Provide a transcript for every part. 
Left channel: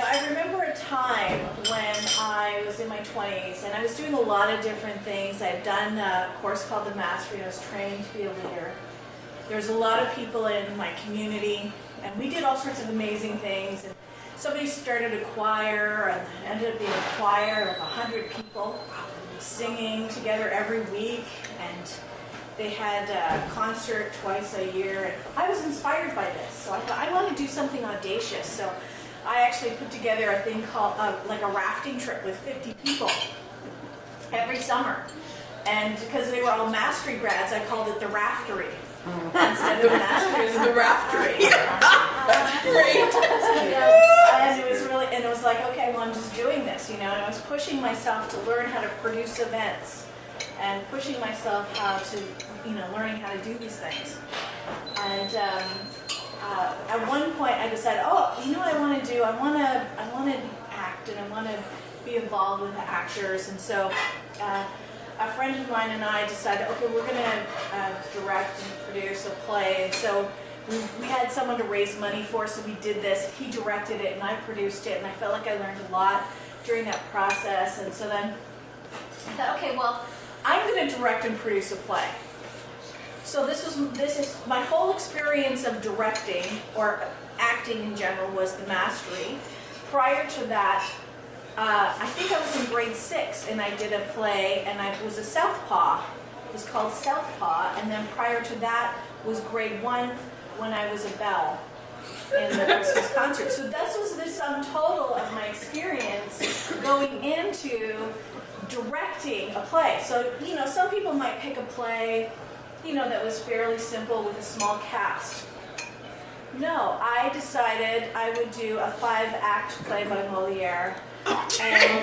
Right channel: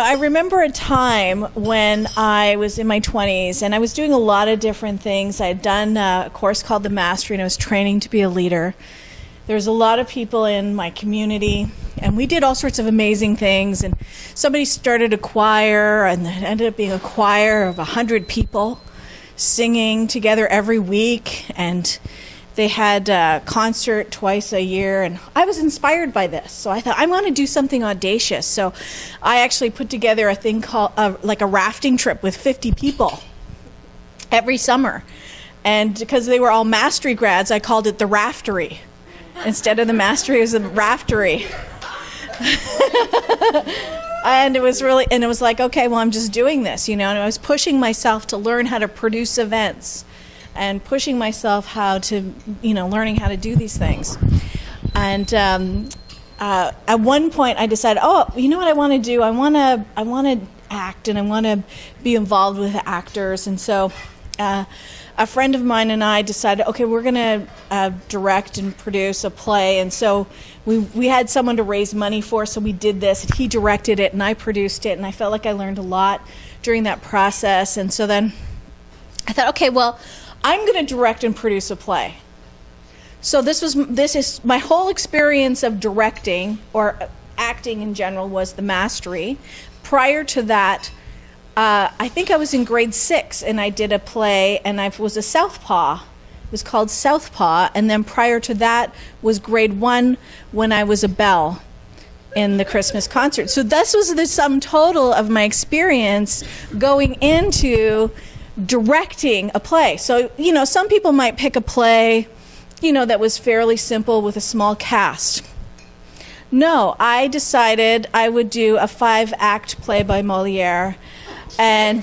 I remember a time when I was in my 20s and I was doing a lot of different things. I had done a course called The Mastery and I was training to be a leader. There was a lot of people in my community and we did all sorts of amazing things. And somebody started a choir and it ended up being a choir of 100 people singing together every week. And they had a concert twice a year. And I was inspired by this. So I thought, I want to do something audacious. So I actually put together a thing called like a rafting trip with 50 people every summer. And because they were all mastery grads, I called it the Raftery. Instead of the mastery, it was the Raftery. And it was like, okay, well, I'm just doing this, and I was pushing myself to learn how to produce events and pushing myself learning how to do these things. And at one point I decided, you know what I want to do? I want to act and I want to be involved with actors. And so a friend of mine and I decided, okay, we're going to direct and produce a play. And so we had someone to raise money for, so we did this. And he directed it and I produced it. And I felt like I learned a lot during that process. And so then I thought, okay, well, I'm going to direct and produce a play. So this is my whole experience of directing or acting in general was the Mastery. Prior to that, I think I was in grade 6 and I did a play and I was a Southpaw. It was called Southpaw. And then prior to that was grade 1 when I was a belle in the Christmas concert. So this was the sum total of my experience going into directing a play. So, some people might pick a play, that was fairly simple with a small cast. No, I decided I would do a 5-act play by Molière and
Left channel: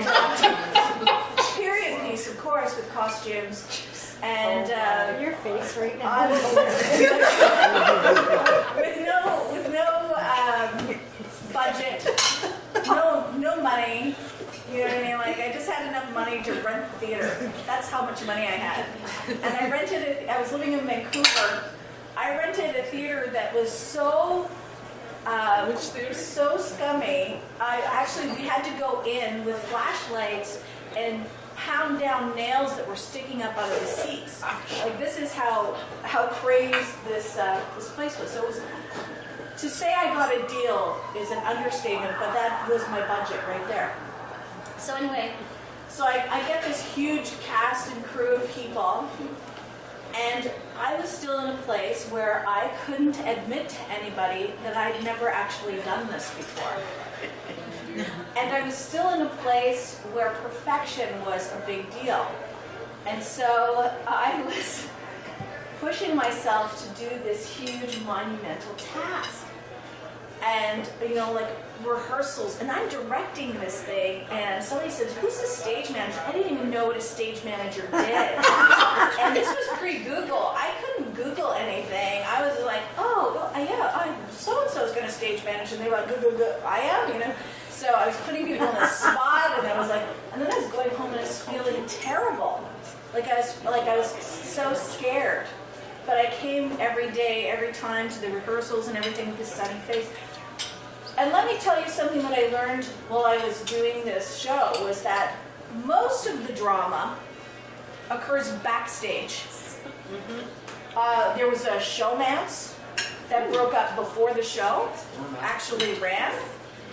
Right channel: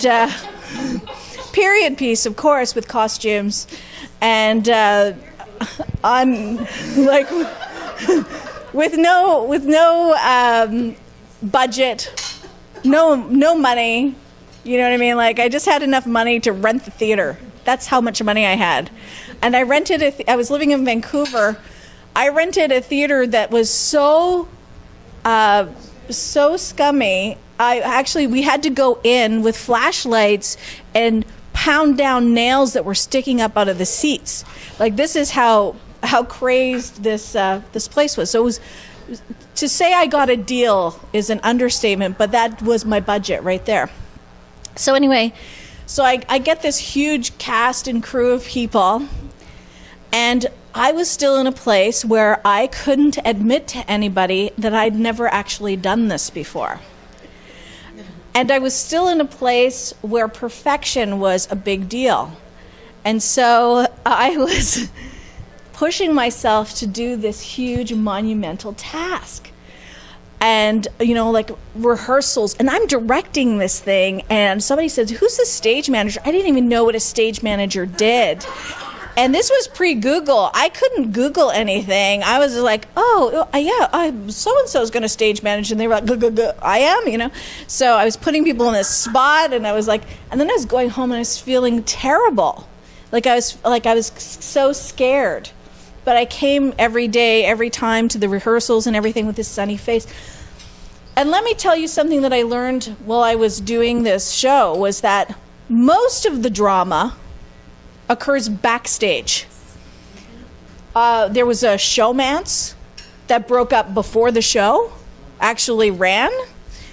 period piece, of course, with costumes and on with no budget, no money. You know what I mean? Like, I just had enough money to rent the theater. That's how much money I had. And I rented I was living in Vancouver. I rented a theater that was so scummy. We had to go in with flashlights and pound down nails that were sticking up out of the seats. Like, this is how crazed this place was. So it was, to say I got a deal is an understatement, but that was my budget right there. So anyway, I get this huge cast and crew of people, and I was still in a place where I couldn't admit to anybody that I'd never actually done this before. And I was still in a place where perfection was a big deal. And so I was pushing myself to do this huge monumental task. And, like rehearsals, and I'm directing this thing, and somebody said, who's the stage manager? I didn't even know what a stage manager did. And this was pre-Google. I couldn't Google anything. I was like, so-and-so is going to stage manage, and they were like, I am, So I was putting people in this spot, and I was like, and then I was going home, and I was feeling terrible. I was so scared. But I came every day, every time to the rehearsals and everything with this sunny face. And let me tell you something that I learned while I was doing this show was that most of the drama occurs backstage. There was a showmance that broke up before the show actually ran.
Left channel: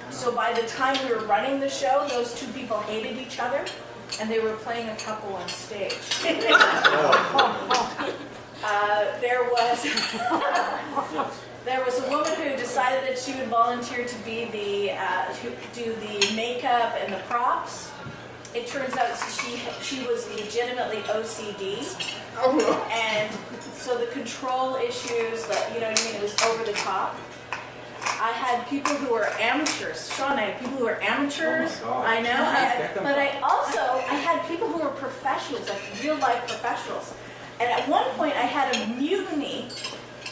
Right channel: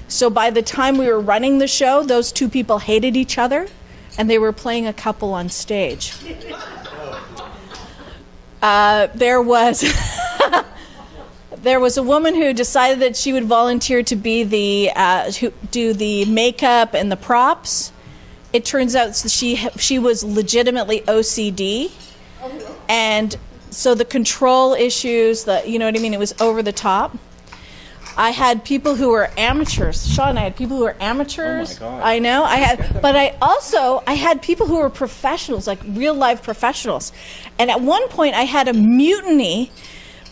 So by the time we were running the show, those two people hated each other and they were playing a couple on stage. There was a woman who decided that she would volunteer to be do the makeup and the props. It turns out she was legitimately OCD, and so the control issues, it was over the top. I had people who were amateurs. Sean, I had people who were amateurs. Oh I know. I had people who were professionals, like real life professionals. And at one point I had a mutiny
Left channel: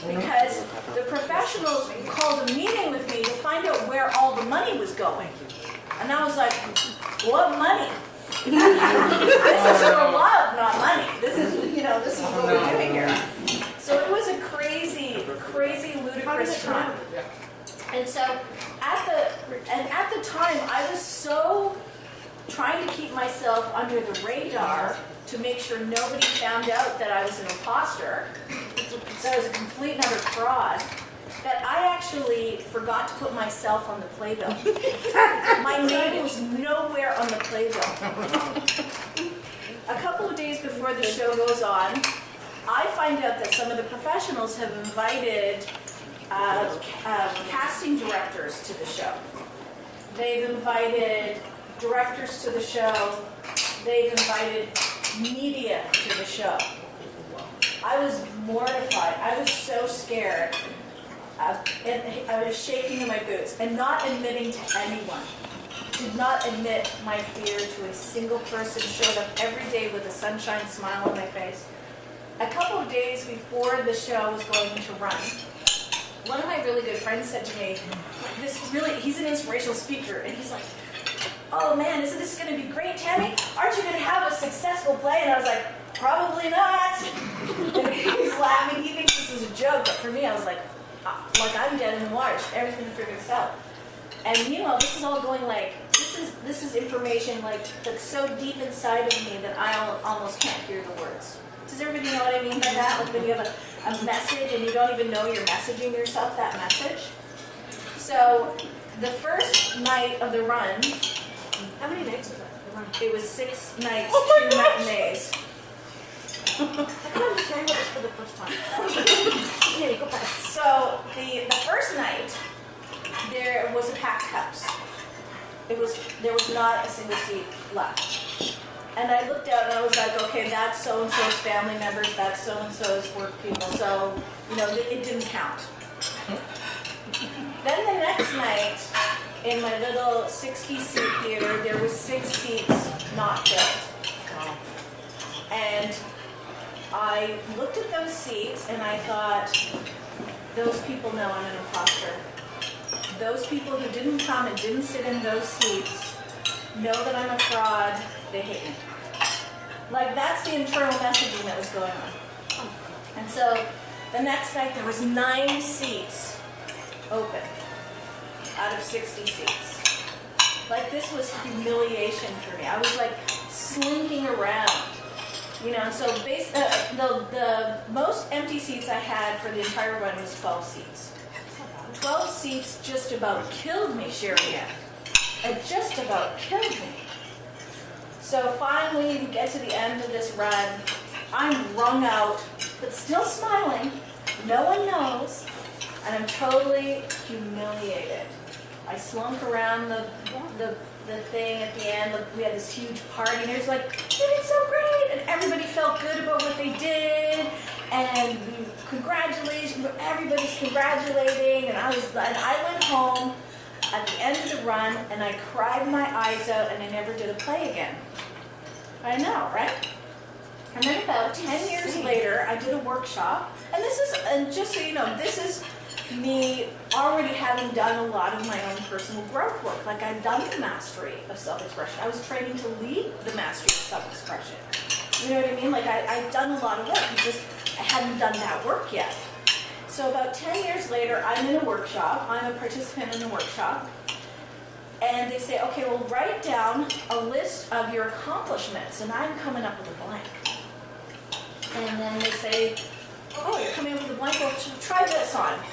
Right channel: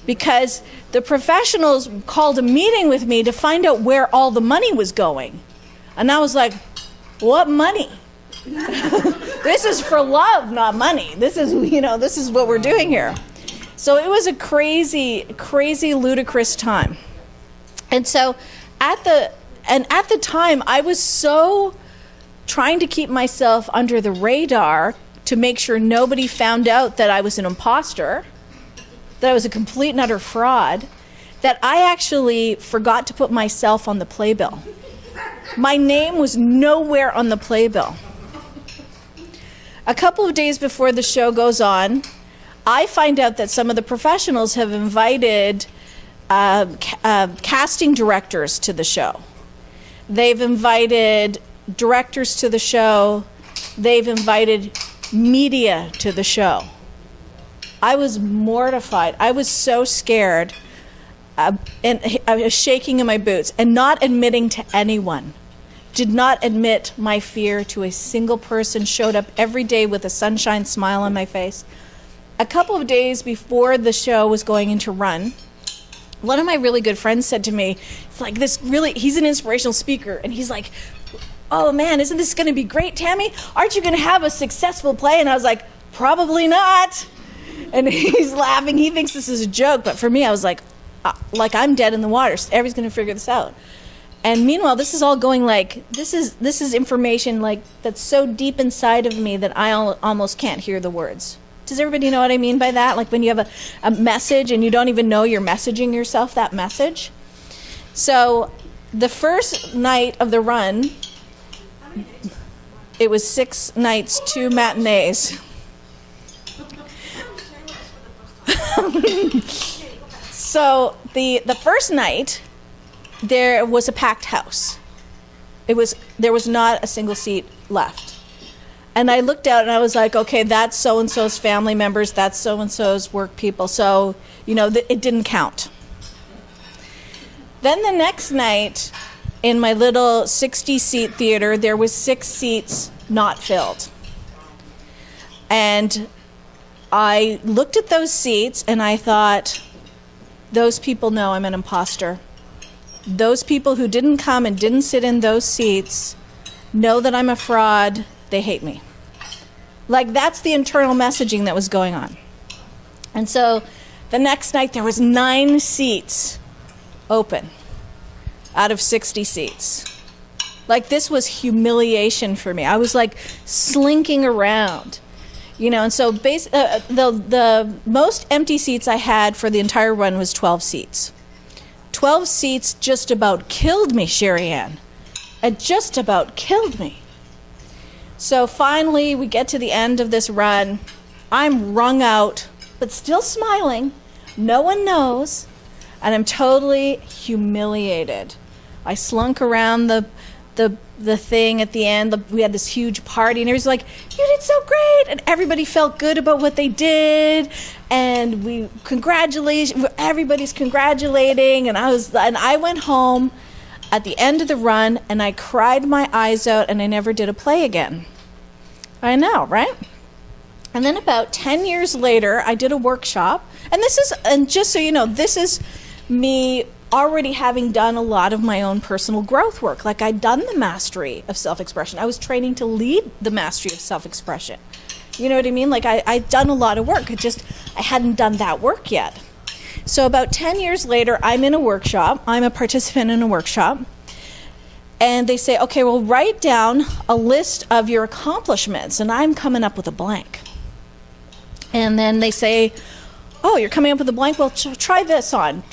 because the professionals called a meeting with me to find out where all the money was going. And I was like, what money? This is for love, not money. This is what we're doing here. So it was a crazy, crazy, ludicrous time. And so at And at the time, I was so trying to keep myself under the radar to make sure nobody found out that I was an imposter, that I was a complete and utter fraud, that I actually forgot to put myself on the playbill. My name was nowhere on the playbill. A couple of days before the show goes on, I find out that some of the professionals have invited casting directors to the show. They've invited directors to the show. They've invited media to the show. I was mortified. I was so scared. And I was shaking in my boots and not admitting to anyone. Did not admit my fear to a single person. Showed up every day with a sunshine smile on my face. A couple of days before the show was going into run, one of my really good friends said to me, like he's an inspirational speaker, and he's like, oh man, isn't this going to be great, Tammy? Aren't you going to have a successful play? And I was like, probably not. And he's laughing. He thinks this is a joke, but for me, I was like I'm dead in the water. So everybody's going to figure this out. And meanwhile, this is all going like, this is information like that's so deep inside of me that I almost can't hear the words. Does everybody know what I mean by that? Like when you have a message and you don't even know you're messaging yourself that message. So the first night of the run, How many nights was that? The run? it was 6 nights, 2 matinees. I thought you were sharing with us for the first time. Okay, go back. So the first night, there was a packed house. There was not a single seat left. And I looked out and I was like, okay, that's so-and-so's family members, that's so-and-so's work people. So, it didn't count. Then the next night, in my little 60-seat theater, there was 6 seats not filled. And I looked at those seats and I thought, those people know I'm an imposter. Those people who didn't come and didn't sit in those seats know that I'm a fraud. They hate me. Like, that's the internal messaging that was going on. And so the next night there was 9 seats open out of 60 seats. Like, this was humiliation for me. I was like slinking around, and so the most empty seats I had for the entire run was 12 seats. 12 seats just about killed me, Sherry Ann. It just about killed me. So finally, we get to the end of this run. I'm wrung out, but still smiling. No one knows. And I'm totally humiliated. I slunk around the thing at the end. We had this huge party, and it was like, you did so great. And everybody felt good about what they did. And everybody's congratulating. And I went home at the end of the run, and I cried my eyes out, and I never did a play again. I know, right? And then about 10 years later, I did a workshop. And just so you know, this is me already having done a lot of my own personal growth work. Like, I'd done the mastery of self-expression. I was training to lead the mastery of self-expression. You know what I mean? Like, I'd done a lot of work. I hadn't done that work yet. So about 10 years later, I'm in a workshop. I'm a participant in a workshop. And they say, okay, well, write down a list of your accomplishments. And I'm coming up with a blank. And then they say, oh, you're coming up with a blank? Well, try this on.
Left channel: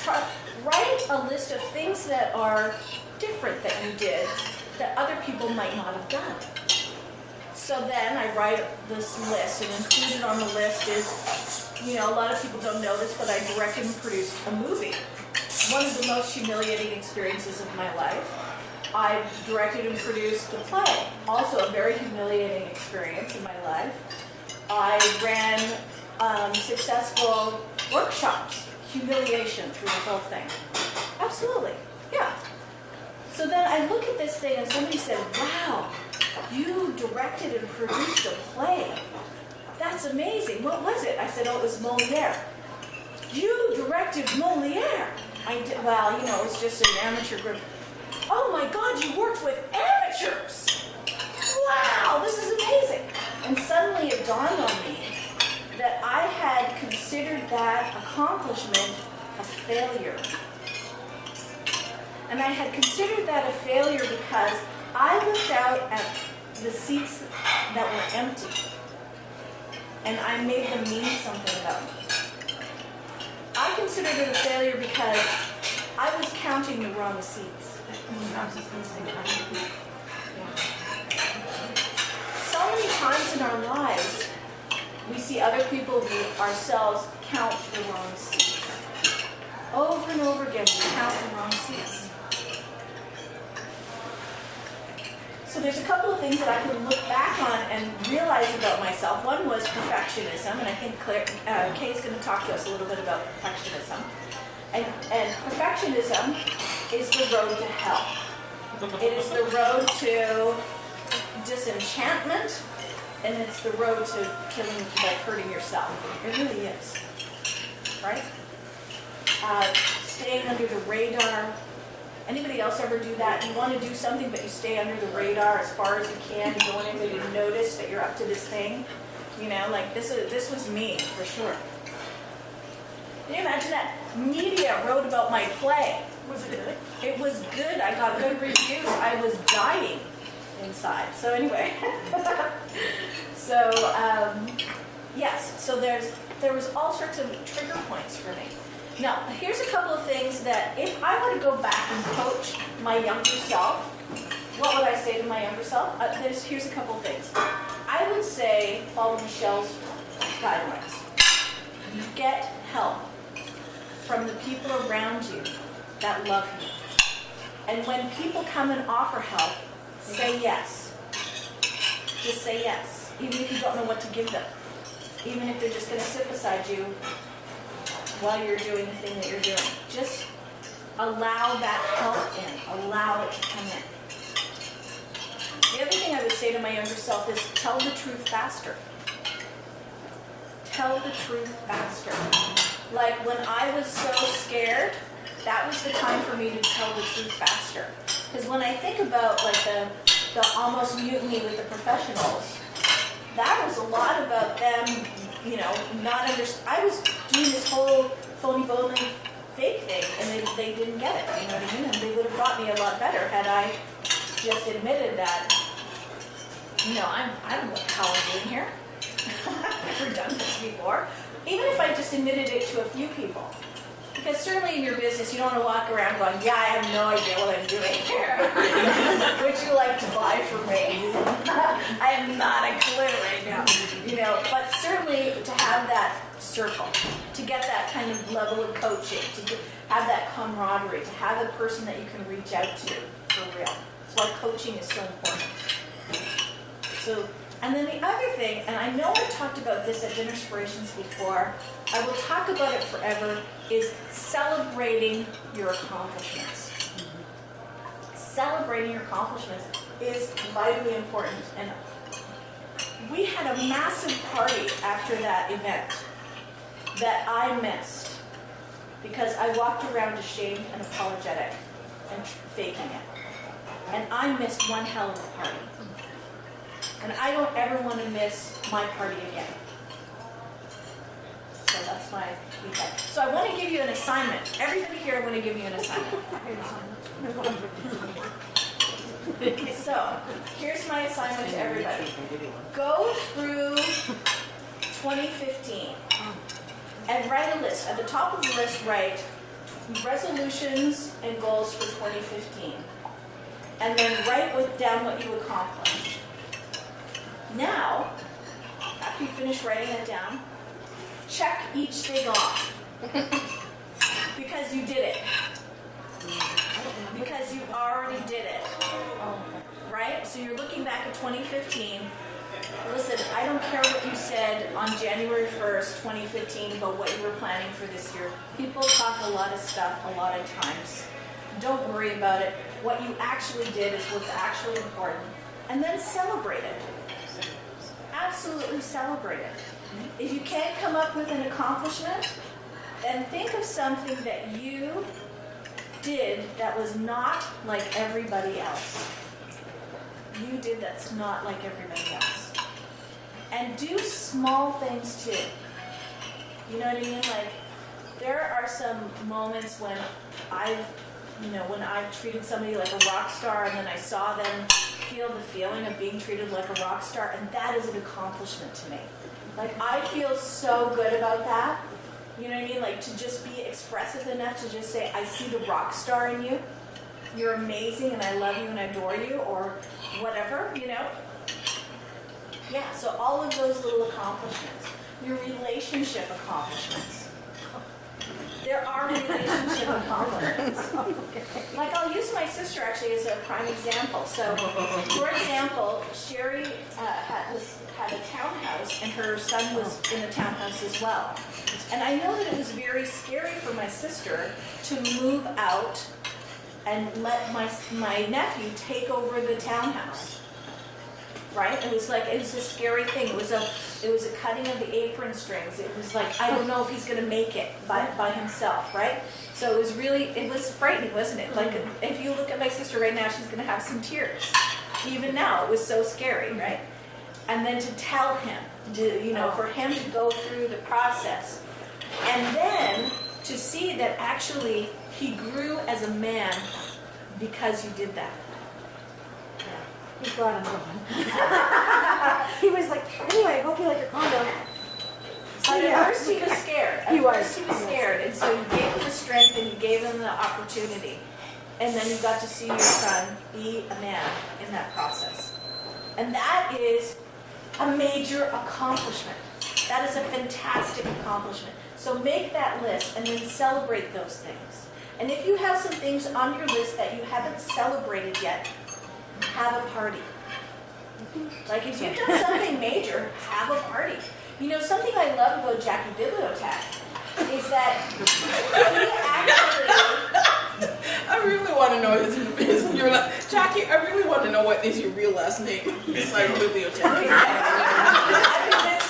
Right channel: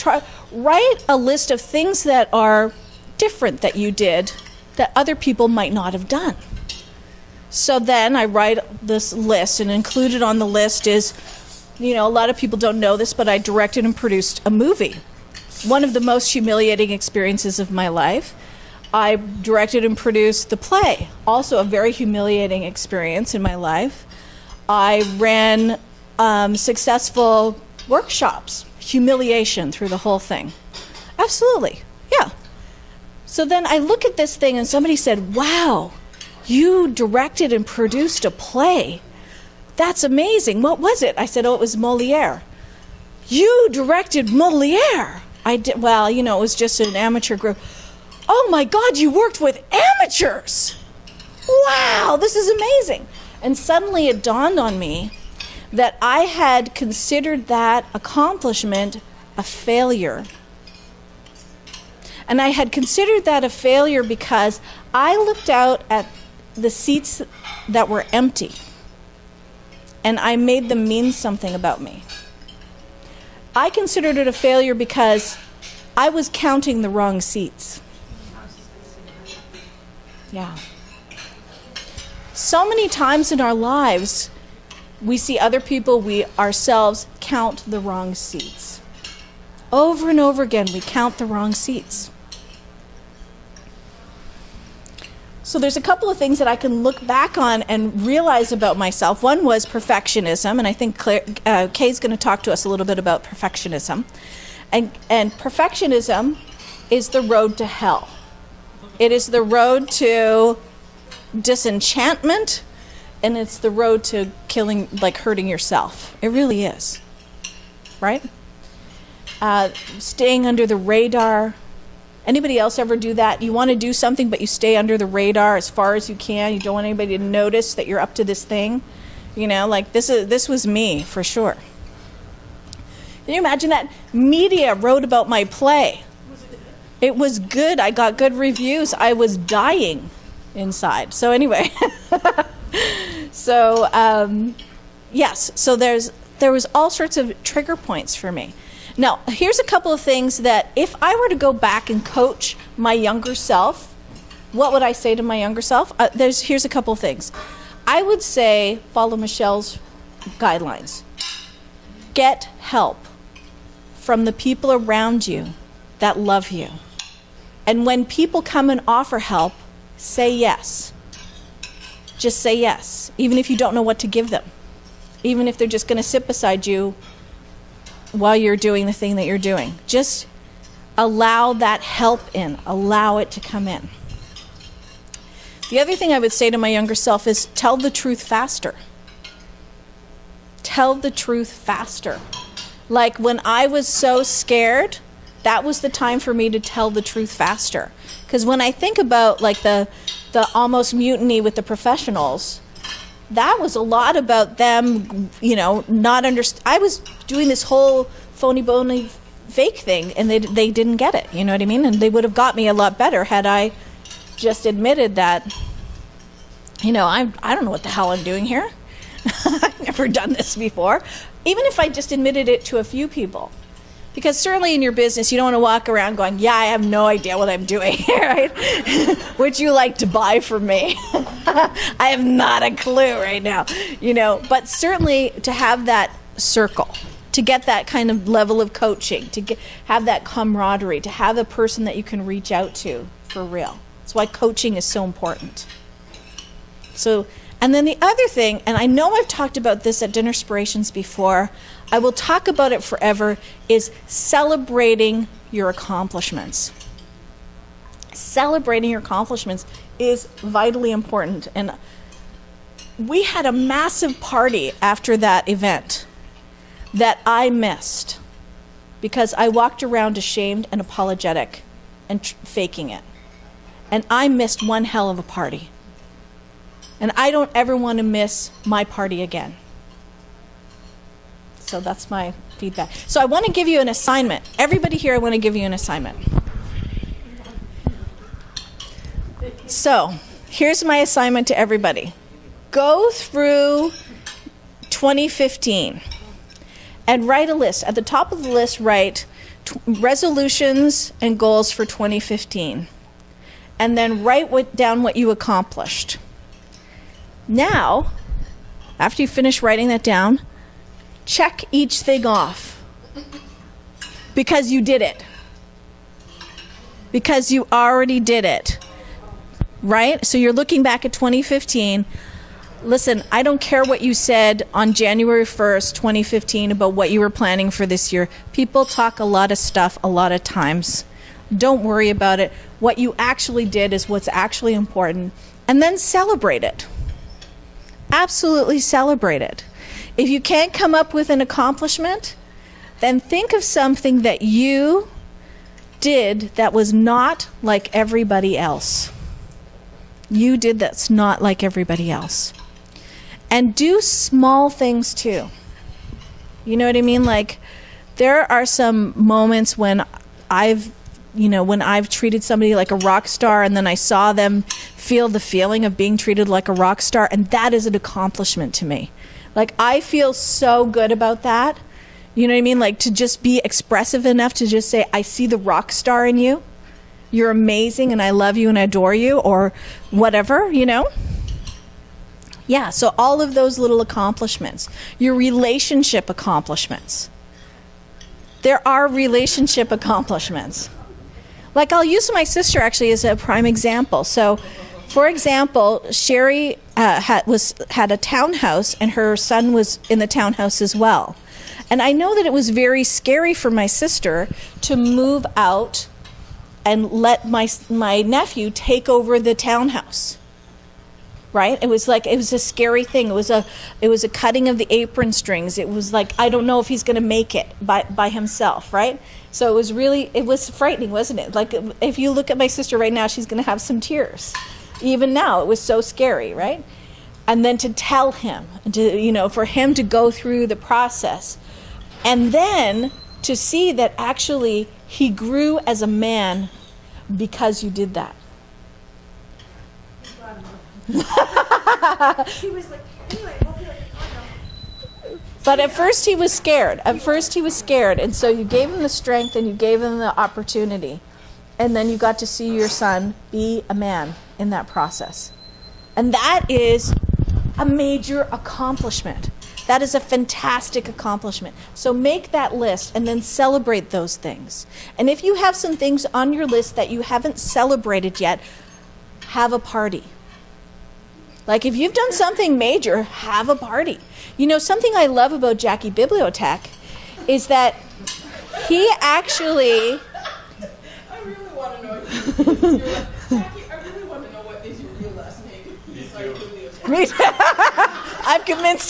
Write a list of things that are different that you did that other people might not have done. So then I write this list, and included on the list is, a lot of people don't know this, but I directed and produced a movie. One of the most humiliating experiences of my life. I directed and produced the play, also a very humiliating experience in my life. I ran successful workshops, humiliation through the whole thing. Absolutely, yeah. So then I look at this thing and somebody said, wow, you directed and produced a play. That's amazing. What was it? I said, oh, it was Moliere. You directed Moliere? I did. Well, it was just an amateur group. Oh my God, you worked with amateurs. Wow, this is amazing. And suddenly it dawned on me that I had considered that accomplishment a failure. And I had considered that a failure because I looked out at the seats that were empty and I made them mean something about me. I considered it a failure because I was counting the wrong seats. Yeah. So many times in our lives, we see other people, we ourselves count the wrong seats. Over and over again, we count the wrong seats. So there's a couple of things that I can look back on and realize about myself. One was perfectionism, and I think Kay's going to talk to us a little bit about perfectionism. And perfectionism is the road to hell. It is the road to disenchantment, and it's the road to killing, like hurting yourself. It really is, right? Staying under the radar. Anybody else ever do that? You want to do something, but you stay under the radar as far as you can. You don't want anybody to notice that you're up to this thing. You know, like this was me for sure. Can you imagine that? Media wrote about my play. Was it good? It was good. I got good reviews. I was dying inside. So anyway, yes. So there was all sorts of trigger points for me. Now, here's a couple of things that if I were to go back and coach my younger self, what would I say to my younger self? Here's a couple of things. I would say follow Michelle's guidelines. Get help from the people around you that love you. And when people come and offer help, say yes. Just say yes, even if you don't know what to give them. Even if they're just going to sit beside you while you're doing the thing that you're doing. Just allow that help in. Allow it to come in. The other thing I would say to my younger self is tell the truth faster. Tell the truth faster. Like when I was so scared, that was the time for me to tell the truth faster. Because when I think about like the almost mutiny with the professionals, that was a lot about them, you know, not understand. I was doing this whole phony bony fake thing, and they didn't get it. You know what I mean? And they would have got me a lot better had I just admitted that, you know, I don't know what the hell I'm doing here. I've never done this before. Even if I just admitted it to a few people. Because certainly in your business, you don't want to walk around going, yeah, I have no idea what I'm doing here, right? Would you like to buy from me? I have not a clue right now, you know. But certainly to have that circle, to get that kind of level of coaching, to have that camaraderie, to have a person that you can reach out to for real. That's why coaching is so important. So, and then the other thing, and I know I've talked about this at Dinnerspirations before, I will talk about it forever, is celebrating your accomplishments. Celebrating your accomplishments is vitally important. And we had a massive party after that event that I missed because I walked around ashamed and apologetic and faking it. And I missed one hell of a party. And I don't ever want to miss my party again. So that's my feedback. So I want to give you an assignment. Everybody here, I want to give you an assignment. So here's my assignment to everybody. Go through 2015 and write a list. At the top of the list, write resolutions and goals for 2015. And then write down what you accomplished. Now, after you finish writing that down, check each thing off. Because you did it. Because you already did it. Right? So you're looking back at 2015. Listen, I don't care what you said on January 1st, 2015 about what you were planning for this year. People talk a lot of stuff a lot of times. Don't worry about it. What you actually did is what's actually important. And then celebrate it. Absolutely celebrate it. If you can't come up with an accomplishment, then think of something that you did that was not like everybody else. You did that's not like everybody else. And do small things too. You know what I mean? Like, there are some moments when I've when I've treated somebody like a rock star and then I saw them feel the feeling of being treated like a rock star, and that is an accomplishment to me. Like, I feel so good about that. You know what I mean? Like, to just be expressive enough to just say, I see the rock star in you. You're amazing and I love you and I adore you, or whatever, Yeah, so all of those little accomplishments. Your relationship accomplishments. There are relationship accomplishments. Like, I'll use my sister actually as a prime example. So, for example, Sherry had a townhouse, and her son was in the townhouse as well. And I know that it was very scary for my sister to move out and let my nephew take over the townhouse. Right? It was a scary thing. It was a cutting of the apron strings. It was like, I don't know if he's going to make it by himself, right? So it was frightening, wasn't it? Like, if you look at my sister right now, she's going to have some tears. Even now, it was so scary, right? And then to tell him, for him to go through the process, and then to see that actually he grew as a man because you did that. He brought him over. He was like, anyway, I hope you like your condo. But at first he was scared. At first he was scared. And so you gave him the strength and you gave him the opportunity. And then you got to see your son be a man in that process. And that is a major accomplishment. That is a fantastic accomplishment. So make that list and then celebrate those things. And if you have some things on your list that you haven't celebrated yet, have a party. Like, if you've done something major, have a party. Something I love about Jackie Bibliotech is that he actually... I really want to know Jackie, I really want to know what is your real last name. Besides Bibliotech. I've convinced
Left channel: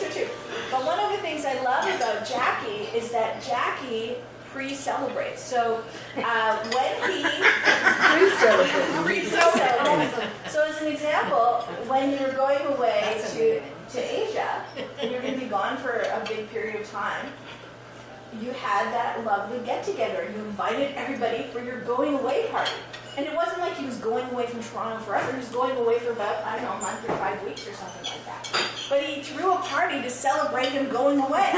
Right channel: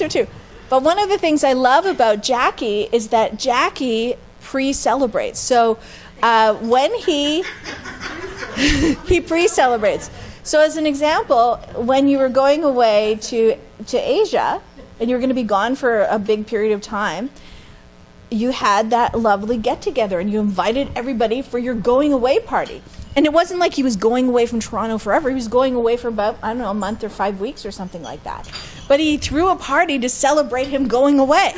him too. But one of the things I love about Jackie is that Jackie pre-celebrates. So when he pre-celebrates. So as an example, when you were going away to Asia and you were going to be gone for a big period of time, you had that lovely get-together and you invited everybody for your going away party. And it wasn't like he was going away from Toronto forever. He was going away for about, I don't know, a month or 5 weeks or something like that. But he threw a party to celebrate him going away.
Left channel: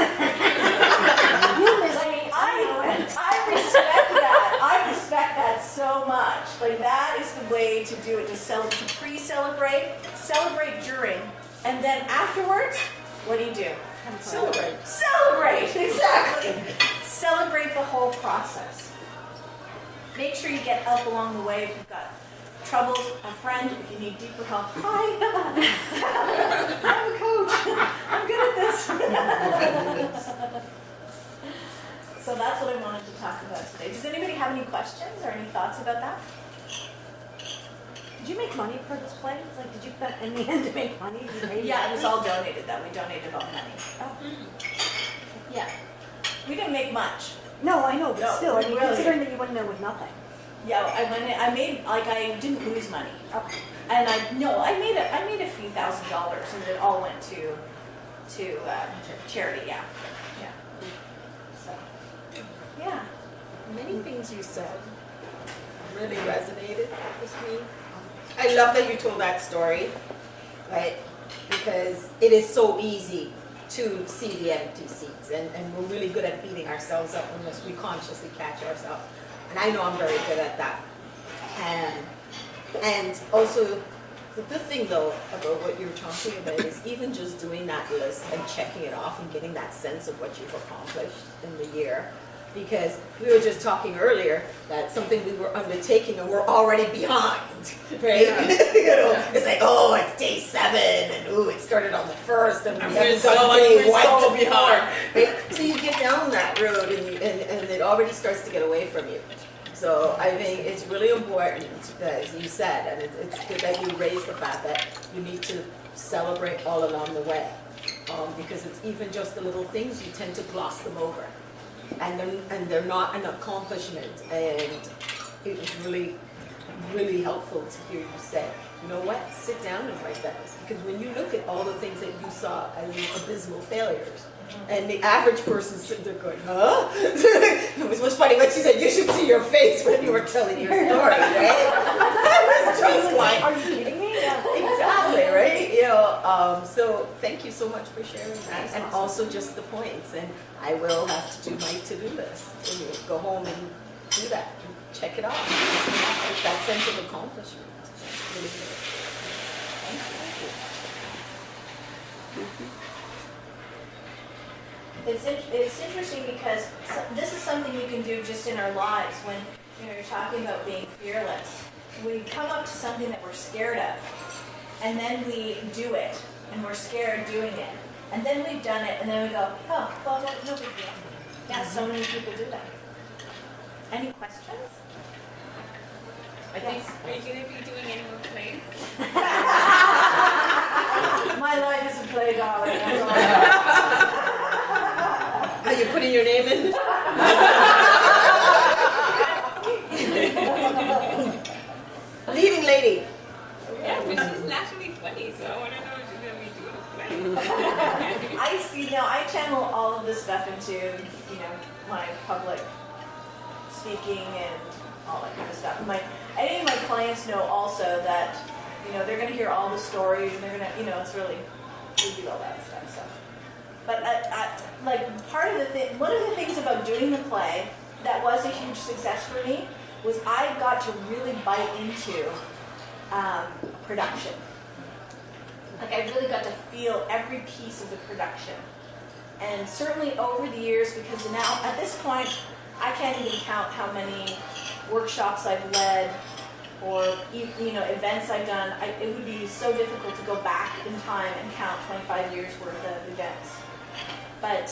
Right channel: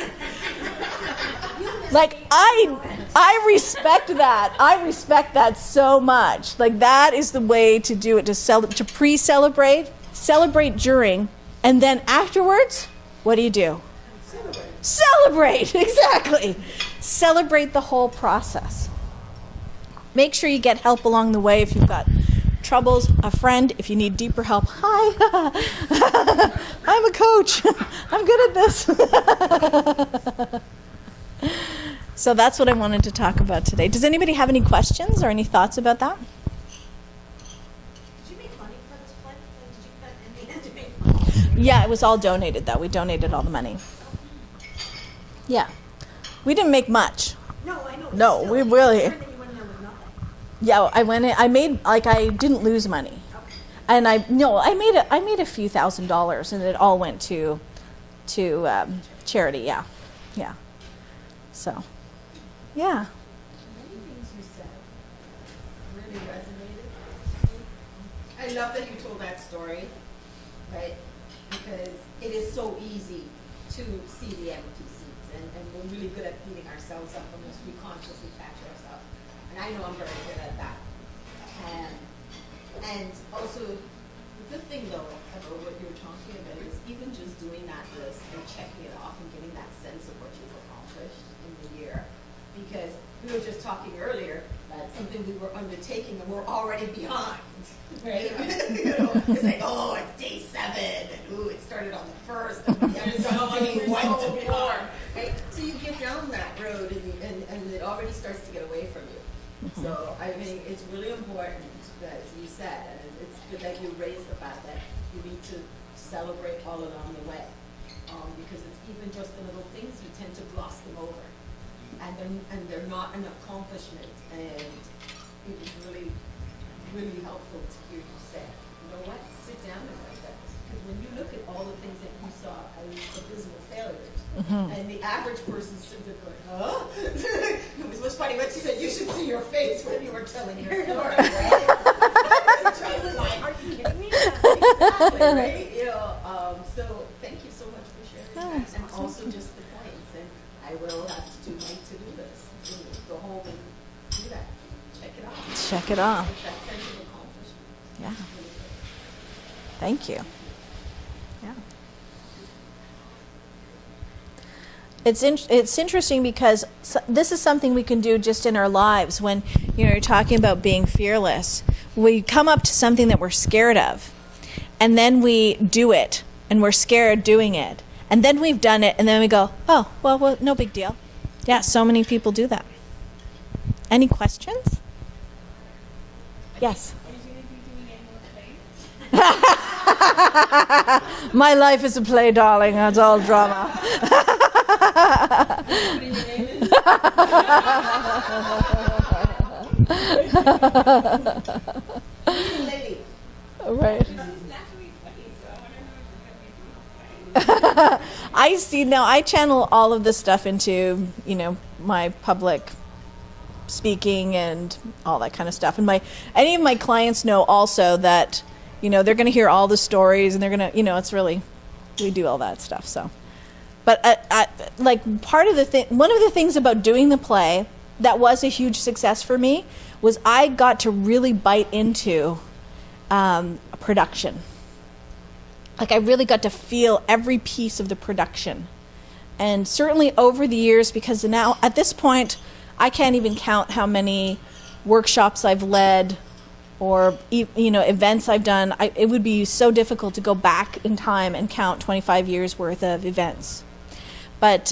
Like, I respect that. I respect that so much. Like, that is the way to do it, to pre-celebrate, celebrate during, and then afterwards, what do? Celebrate, exactly. Celebrate the whole process. Make sure you get help along the way if you've got troubles, a friend, if you need deeper help. Hi, I'm a coach. I'm good at this. So that's what I wanted to talk about today. Does anybody have any questions or any thoughts about that? Did you make money for this play? Like, did you put in the end to make money? Yeah, it was all donated, though. We donated all the money. Yeah. We didn't make much. No, I know. But No, still, we I'm really- concerned that you went in there with nothing. Yeah, I didn't lose money. Okay. And I made a few $1,000s, and it all went to charity. Yeah. So, yeah. Many things you said really resonated with me. I love that you told that story, right? Because it is so easy to see the empty seats, and we're really good at beating ourselves up unless we consciously catch ourselves. And I know I'm very good at that. And also, the good thing though about what you're talking about is even just doing that list and checking it off and getting that sense of what you've accomplished in the year. Because we were just talking earlier that something we were undertaking and we're already behind, right? Yeah. It's like, oh, it's day 7, and ooh, it started on the 1st, and We're it's so on like day we're 1 so to behind. 4, right? So you get down that road and it already starts to get away from you. So I think it's really important, as you said, and it's good that you raised the fact that you need to celebrate all along the way, because it's even just the little things, you tend to gloss them over. And they're not an accomplishment, and it was really, really helpful to hear you say, you know what, what? Sit down and write that. Because when you look at all the things that you saw as abysmal failures, and the average person sitting there going, huh? It was funny when she said, you should see your face when you were telling your story, right? It's just like, Are you kidding me? exactly, right? You know, so thank you so much for sharing that, and also just the points. And I will have to do my to-do list. And you go home and do that. Check it off. Check it off. It's that sense of accomplishment. Yeah. Really good. Thank you. It's interesting because this is something we can do just in our lives. When you're talking about being fearless, we come up to something that we're scared of, and then we do it, and we're scared doing it, and then we've done it, and then we go, oh, well, no big deal. Yeah, so many people do that. Any questions? Yes. Are you going to be doing any more plays? My life is a play, darling. That's all it's all. Are you putting your name in? Leading lady. Right. Which is naturally funny, so I want to know if you're going to be doing a play. I see now. I channel all of this stuff into, my public speaking and all that kind of stuff. And any of my clients know also that, they're going to hear all the stories, and they're going to, it's really, we do all that stuff. So, but part of the thing, one of the things about doing the play that was a huge success for me was I got to really bite into production. Like I really got to feel every piece of the production. And certainly over the years, because now at this point, I can't even count how many workshops I've led or events I've done. It would be so difficult to go back in time and count 25 years worth of events. But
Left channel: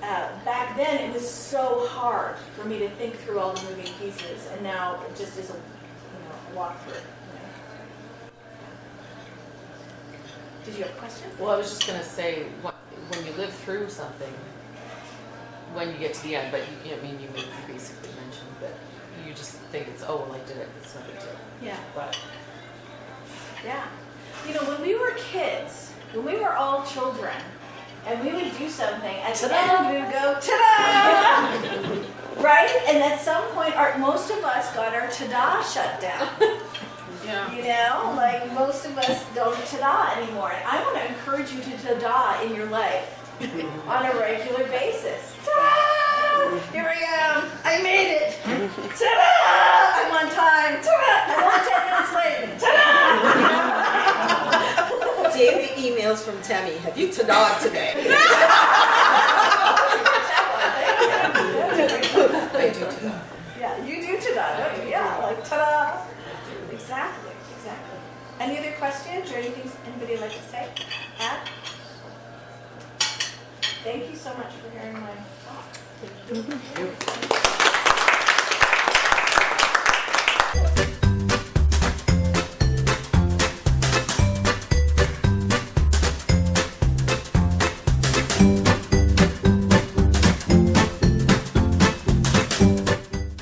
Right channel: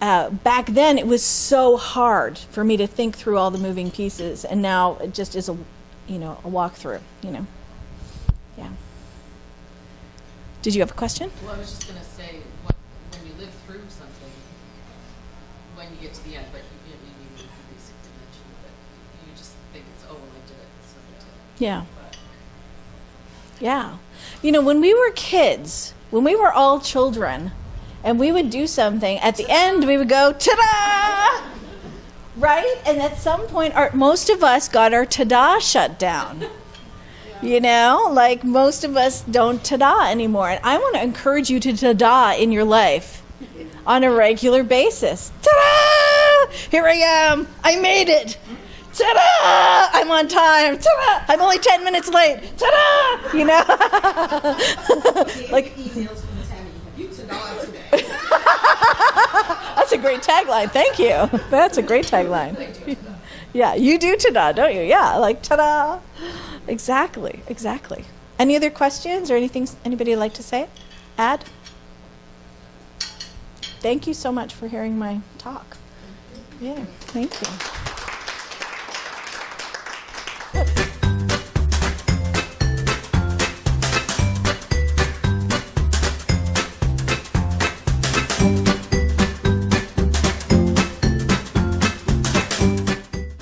back then, it was so hard for me to think through all the moving pieces, and now it just is a walk through it. Yeah. Did you have a question? Well, I was just going to say, when you live through something, when you get to the end, but you basically mentioned that you just think it's, oh, well, I did it, it's no big deal. Yeah. But Yeah. When we were kids, when we were all children, and we would do something, at the end we would go, ta-da! Right? And at some point, most of us got our ta-da shut down. Like most of us don't ta-da anymore. And I want to encourage you to ta-da in your life on a regular basis. Ta-da! Here I am. I made it. Ta-da! I'm on time. Ta-da! I'm only 10 minutes late. Ta-da! Daily emails from Tammy. Have you ta-da today? That's a great tagline. Thank you. That's a great tagline. Yeah, you do ta-da, don't you? Yeah, like ta-da. Exactly. Any other questions or anything anybody would like to say? Add? Thank you so much for hearing my talk. Yeah, thank you.